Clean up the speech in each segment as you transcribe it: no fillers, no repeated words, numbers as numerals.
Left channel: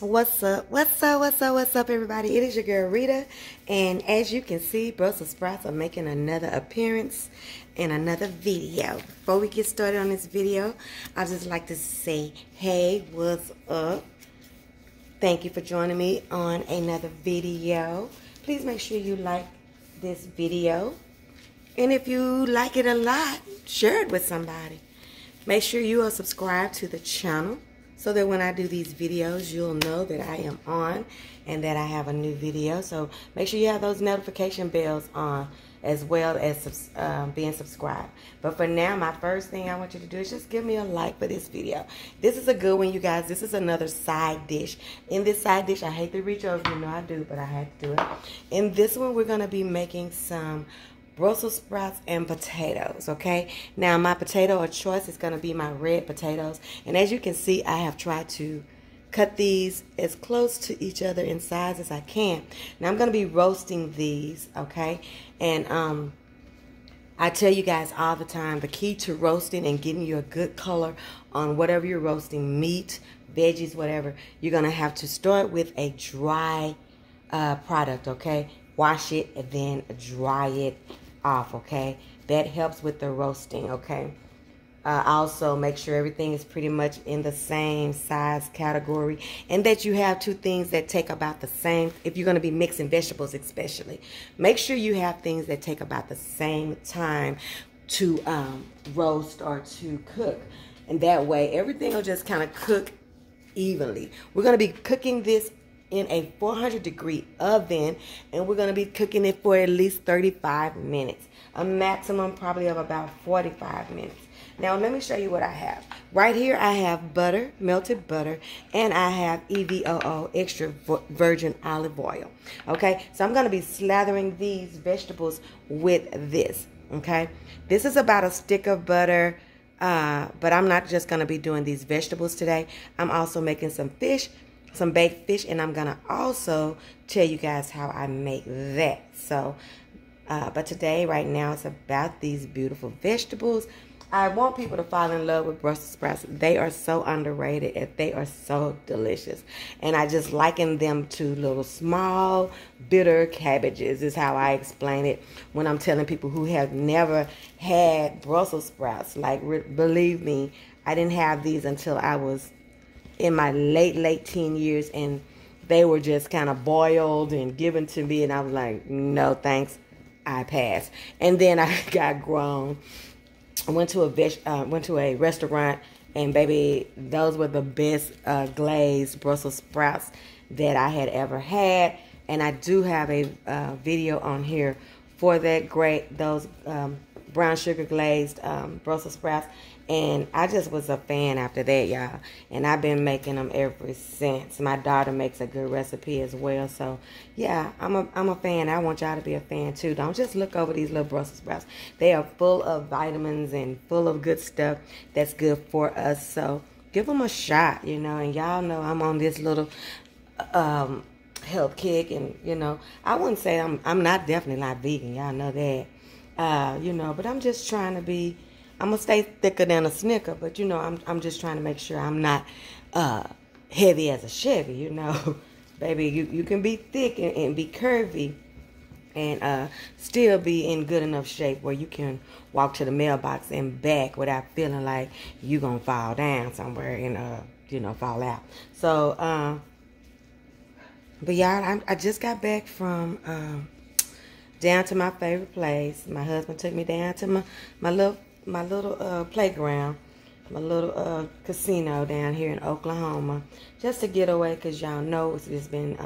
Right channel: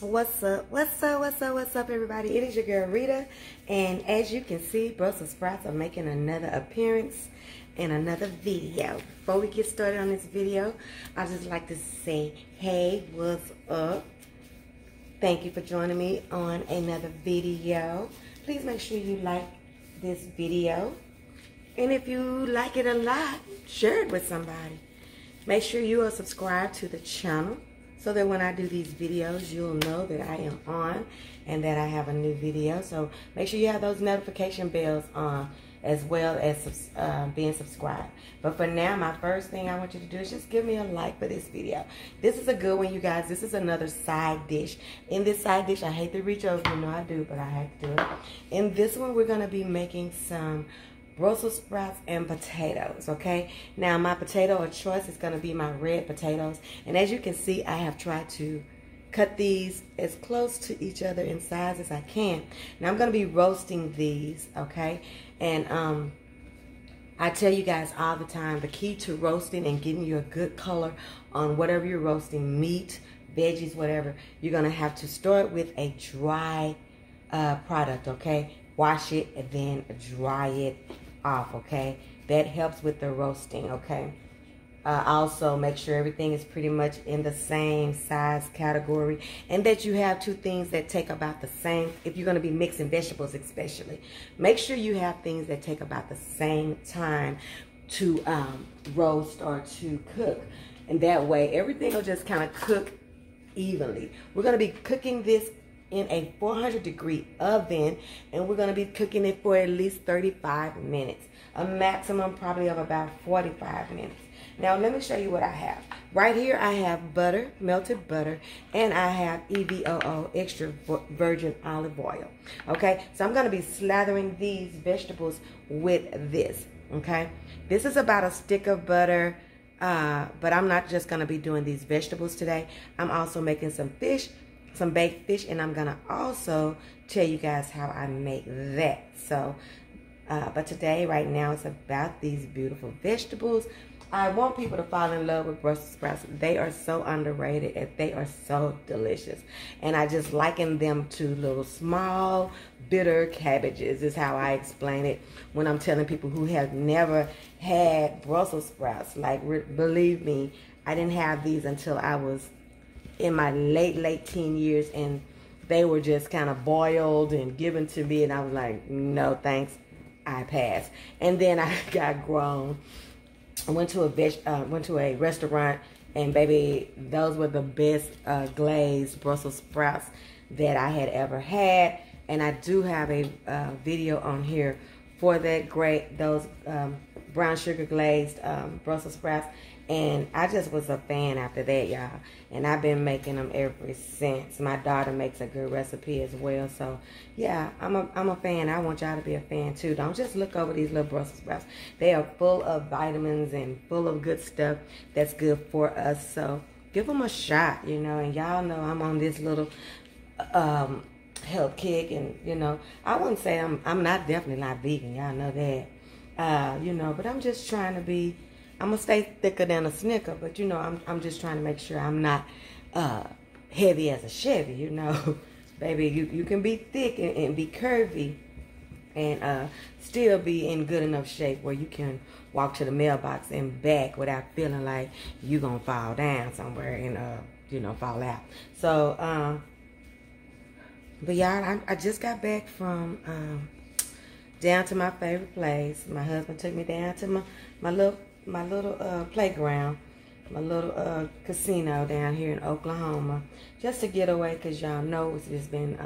What's up? What's up? What's up? What's up, everybody? It is your girl Rita, and as you can see, Brussels sprouts are making another appearance in another video. Before we get started on this video, I'd just like to say, hey, what's up? Thank you for joining me on another video. Please make sure you like this video, and if you like it a lot, share it with somebody. Make sure you are subscribed to the channel, so that when I do these videos, you'll know that I am on and that I have a new video. So make sure you have those notification bells on, as well as being subscribed. But for now, my first thing I want you to do is just give me a like for this video. This is a good one, you guys. This is another side dish. In this side dish, I hate to reach over, you know I do, but I have to do it. In this one, we're going to be making some Brussels sprouts and potatoes, okay? Now, my potato of choice is going to be my red potatoes. And as you can see, I have tried to cut these as close to each other in size as I can. Now, I'm going to be roasting these, okay? And I tell you guys all the time, the key to roasting and getting you a good color on whatever you're roasting, meat, veggies, whatever, you're going to have to start with a dry product, okay? Wash it and then dry it off, okay? That helps with the roasting, okay? Also, make sure everything is pretty much in the same size category, and that you have two things that take about the same. If you're going to be mixing vegetables especially, make sure you have things that take about the same time to roast or to cook, and that way everything will just kind of cook evenly. We're going to be cooking this in a 400-degree oven, and we're going to be cooking it for at least 35 minutes. A maximum probably of about 45 minutes. Now, let me show you what I have. Right here, I have butter, melted butter, and I have EVOO, extra virgin olive oil. Okay, so I'm going to be slathering these vegetables with this, okay? This is about a stick of butter, but I'm not just going to be doing these vegetables today. I'm also making some fish, some baked fish, and I'm gonna also tell you guys how I make that. So but today, right now, it's about these beautiful vegetables. I want people to fall in love with Brussels sprouts. They are so underrated and they are so delicious, and I just liken them to little small bitter cabbages is how I explain it when I'm telling people who have never had Brussels sprouts. Like, believe me, I didn't have these until I was in my late teen years, and they were just kind of boiled and given to me, and I was like, no thanks, I passed. And then I got grown. I went to a restaurant, and baby, those were the best glazed Brussels sprouts that I had ever had. And I do have a video on here for that those brown sugar glazed Brussels sprouts. And I just was a fan after that, y'all. And I've been making them ever since. My daughter makes a good recipe as well. So, yeah, I'm a fan. I want y'all to be a fan, too. Don't just look over these little Brussels sprouts. They are full of vitamins and full of good stuff that's good for us. So, give them a shot, you know. And y'all know I'm on this little health kick. And, you know, I wouldn't say I'm definitely not vegan. Y'all know that. You know, but I'm just trying to be... I'm going to stay thicker than a Snicker, but, you know, I'm just trying to make sure I'm not heavy as a Chevy, you know. Baby, you can be thick and be curvy and still be in good enough shape where you can walk to the mailbox and back without feeling like you're going to fall down somewhere and, you know, fall out. So, but y'all, I just got back from down to my favorite place. My husband took me down to my little playground, my little casino down here in Oklahoma, just to get away, because y'all know there's been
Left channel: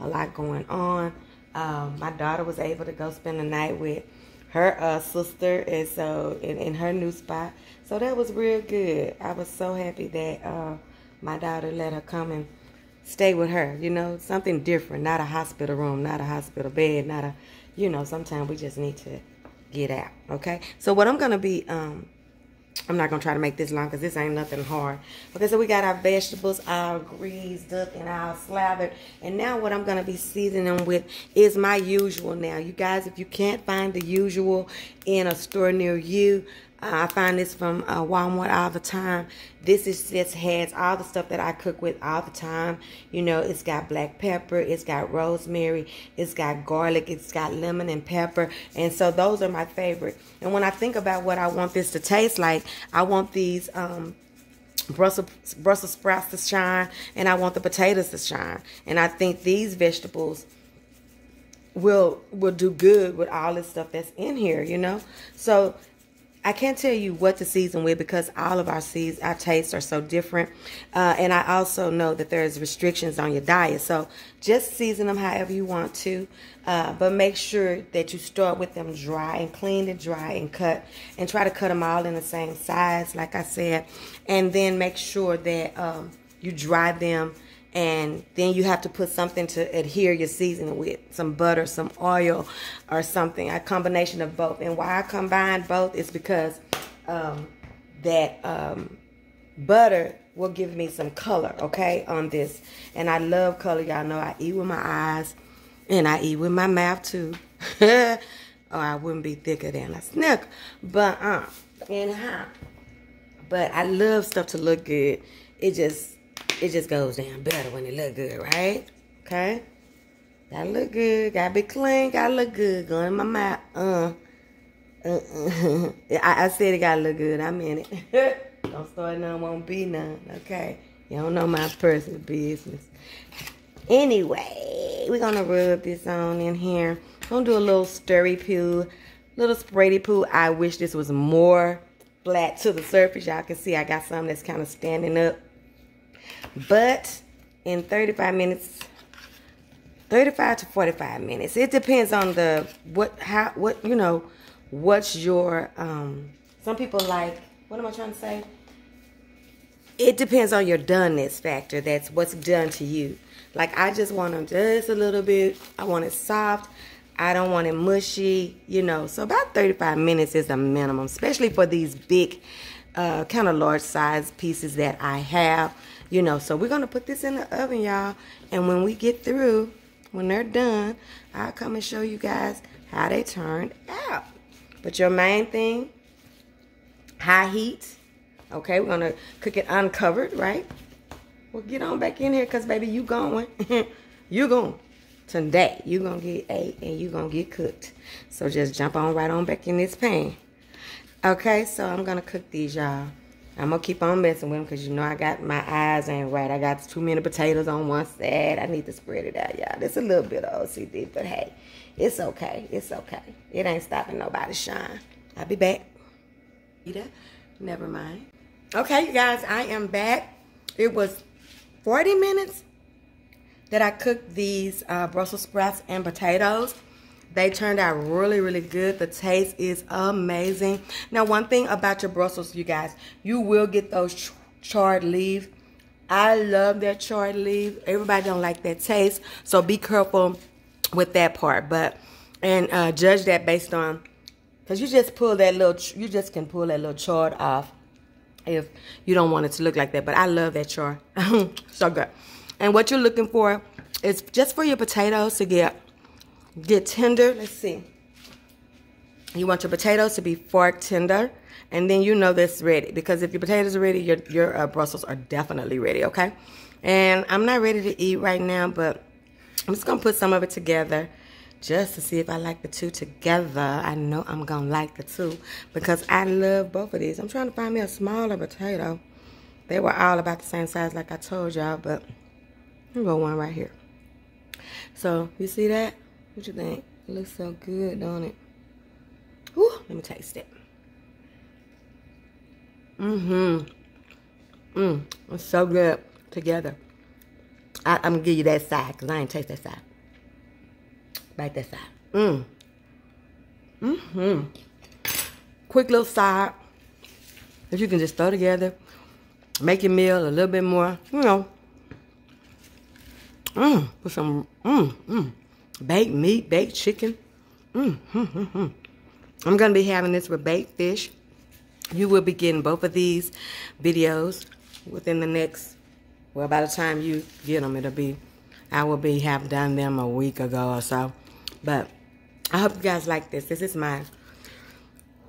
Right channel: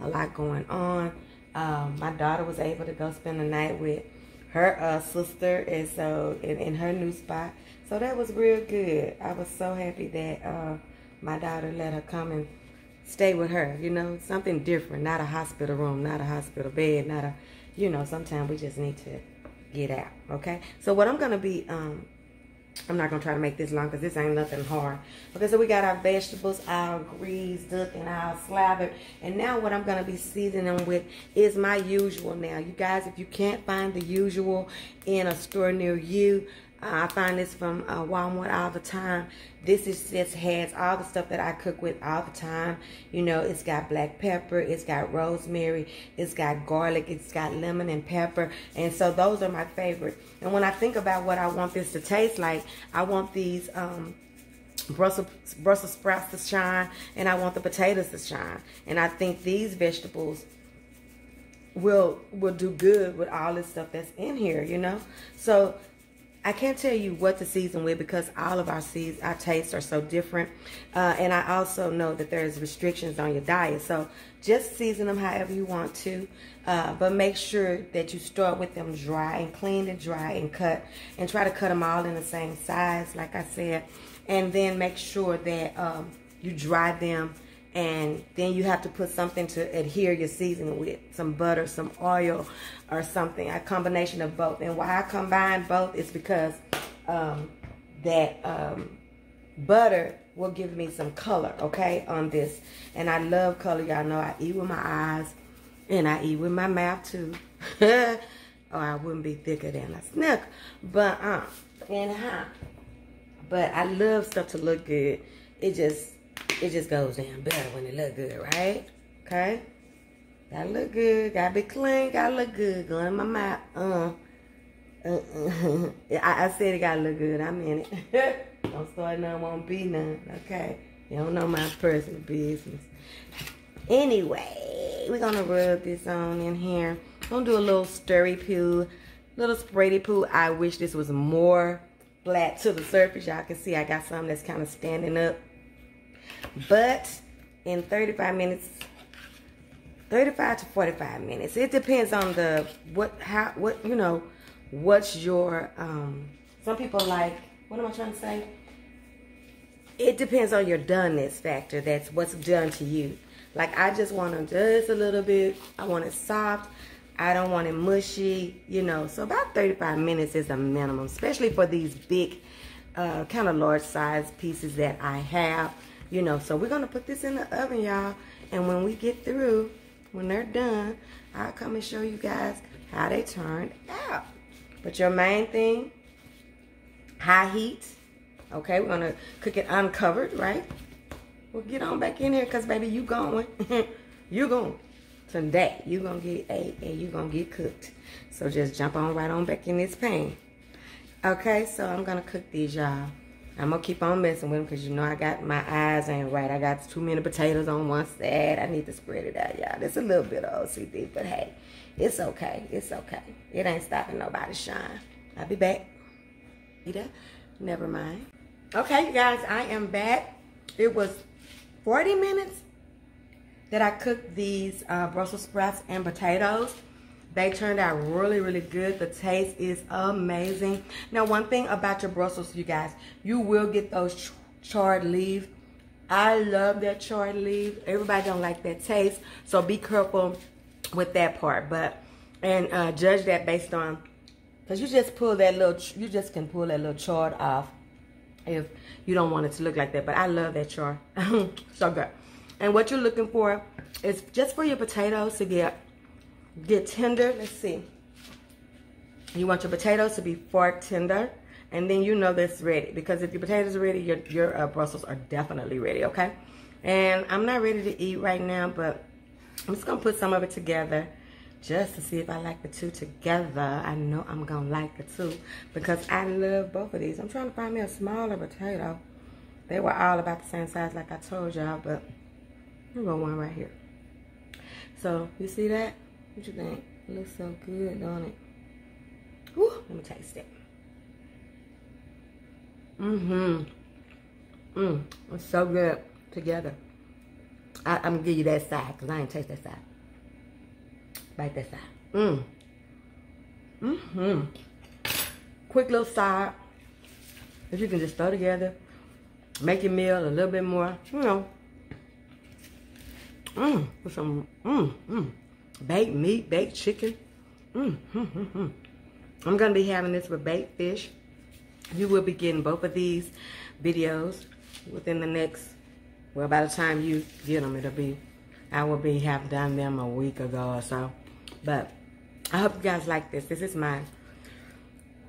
a lot going on. My daughter was able to go spend the night with her sister, and so in her new spot, so that was real good. I was so happy that my daughter let her come and stay with her, you know, something different, not a hospital room, not a hospital bed, not a, you know, sometimes we just need to get out, okay? So what I'm gonna be, I'm not gonna try to make this long because this ain't nothing hard. Okay, so we got our vegetables all greased up and all slathered, and now what I'm gonna be seasoning them with is my usual. Now, you guys, if you can't find the usual in a store near you, I find this from Walmart all the time. This is just has all the stuff that I cook with all the time. You know, it's got black pepper, it's got rosemary, it's got garlic, it's got lemon and pepper. And so those are my favorite. And when I think about what I want this to taste like, I want these Brussels sprouts to shine, and I want the potatoes to shine. And I think these vegetables will do good with all this stuff that's in here, you know. So I can't tell you what to season with because all of our tastes are so different. And I also know that there's restrictions on your diet. So just season them however you want to. But make sure that you start with them dry and clean and dry and cut. And try to cut them all in the same size, like I said. And then make sure that you dry them. And then you have to put something to adhere your seasoning with. Some butter, some oil, or something. A combination of both. And why I combine both is because butter will give me some color, okay, on this. And I love color. Y'all know I eat with my eyes. And I eat with my mouth, too. Or I wouldn't be thicker than a snook. But, But I love stuff to look good. It just goes down better when it look good, right? Okay? Gotta look good. Gotta be clean. Gotta look good. Going in my mouth. I said it gotta look good. I meant it. Don't start none, won't be none. Okay? You don't know my personal business. Anyway, we're gonna rub this on in here. Gonna do a little stirry poo. Little spready poo. I wish this was more flat to the surface. Y'all can see I got some that's kind of standing up. But in 35 minutes, 35 to 45 minutes. It depends on what's your, some people like, what am I trying to say? It depends on your doneness factor. That's what's done to you. Like, I just want them just a little bit. I want it soft. I don't want it mushy, you know. So about 35 minutes is the minimum, especially for these big, kind of large size pieces that I have. You know, so we're going to put this in the oven, y'all. And when we get through, when they're done, I'll come and show you guys how they turned out. But your main thing, high heat. Okay, we're going to cook it uncovered, right? Well, get on back in here because, baby, you going. You going. Today, you going to get ate and you going to get cooked. So just jump on right on back in this pan. Okay, so I'm going to cook these, y'all. I'm going to keep on messing with them because, you know, I got my eyes ain't right. I got too many potatoes on one side. I need to spread it out, y'all. There's a little bit of OCD, but hey, it's okay. It's okay. It ain't stopping nobody's shine. I'll be back. Rita, never mind. Okay, you guys, I am back. It was 40 minutes that I cooked these Brussels sprouts and potatoes. They turned out really, really good. The taste is amazing. Now, one thing about your Brussels, you guys, you will get those charred leaves. I love that charred leaf. Everybody don't like that taste, so be careful with that part. And judge that based on, because you just can pull that little chard off if you don't want it to look like that. But I love that chard. So good. And what you're looking for is just for your potatoes to get tender. Let's see. You want your potatoes to be fork tender, and then you know that's ready. Because if your potatoes are ready, your Brussels are definitely ready, okay? And I'm not ready to eat right now, but I'm just going to put some of it together just to see if I like the two together. I know I'm going to like the two because I love both of these. I'm trying to find me a smaller potato. They were all about the same size like I told y'all, but here's one right here. So, you see that? What you think? It looks so good, don't it? Whew, let me taste it. It's so good together. I'm going to give you that side because I ain't taste that side. Bite that side. Quick little side that you can just throw together. Make your meal a little bit more, you know. Put some, baked meat, baked chicken. I'm going to be having this with baked fish. You will be getting both of these videos within the next, well, by the time you get them, I will have done them a week ago or so. But I hope you guys like this. This is my,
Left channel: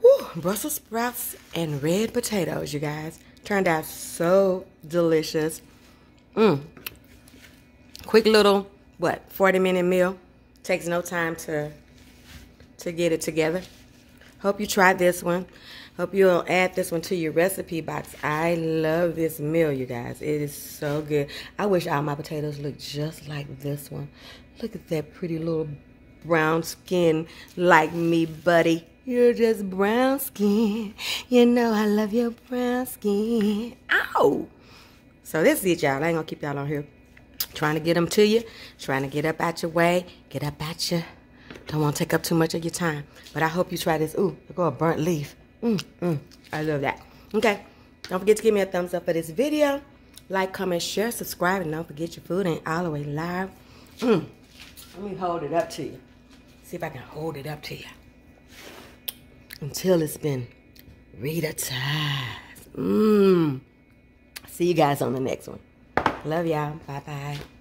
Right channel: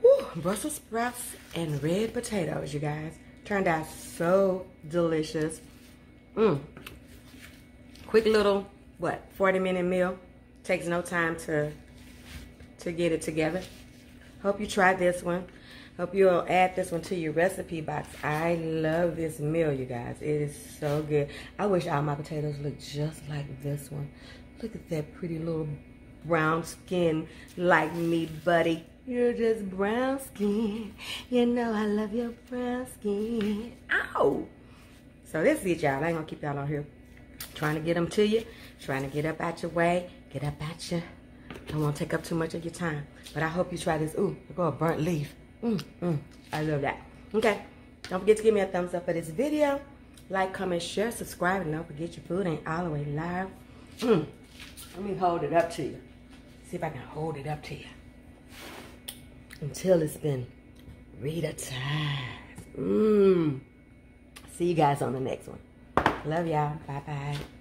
whew, Brussels sprouts and red potatoes, you guys. Turned out so delicious. Quick little, 40-minute meal. Takes no time to get it together. Hope you tried this one. Hope you'll add this one to your recipe box. I love this meal, you guys. It is so good. I wish all my potatoes looked just like this one. Look at that pretty little brown skin like me, buddy. You're just brown skin. You know I love your brown skin. Ow! So this is it, y'all. I ain't gonna keep y'all on here. Trying to get them to you. Trying to get up out your way. Get up out you. Don't want to take up too much of your time. But I hope you try this. Ooh, look at a burnt leaf. I love that. Okay. Don't forget to give me a thumbs up for this video. Like, comment, share, subscribe, and don't forget your food ain't all the way live. Let me hold it up to you. See if I can hold it up to you. Until it's been RitasEatas. See you guys on the next one. Love y'all. Bye-bye.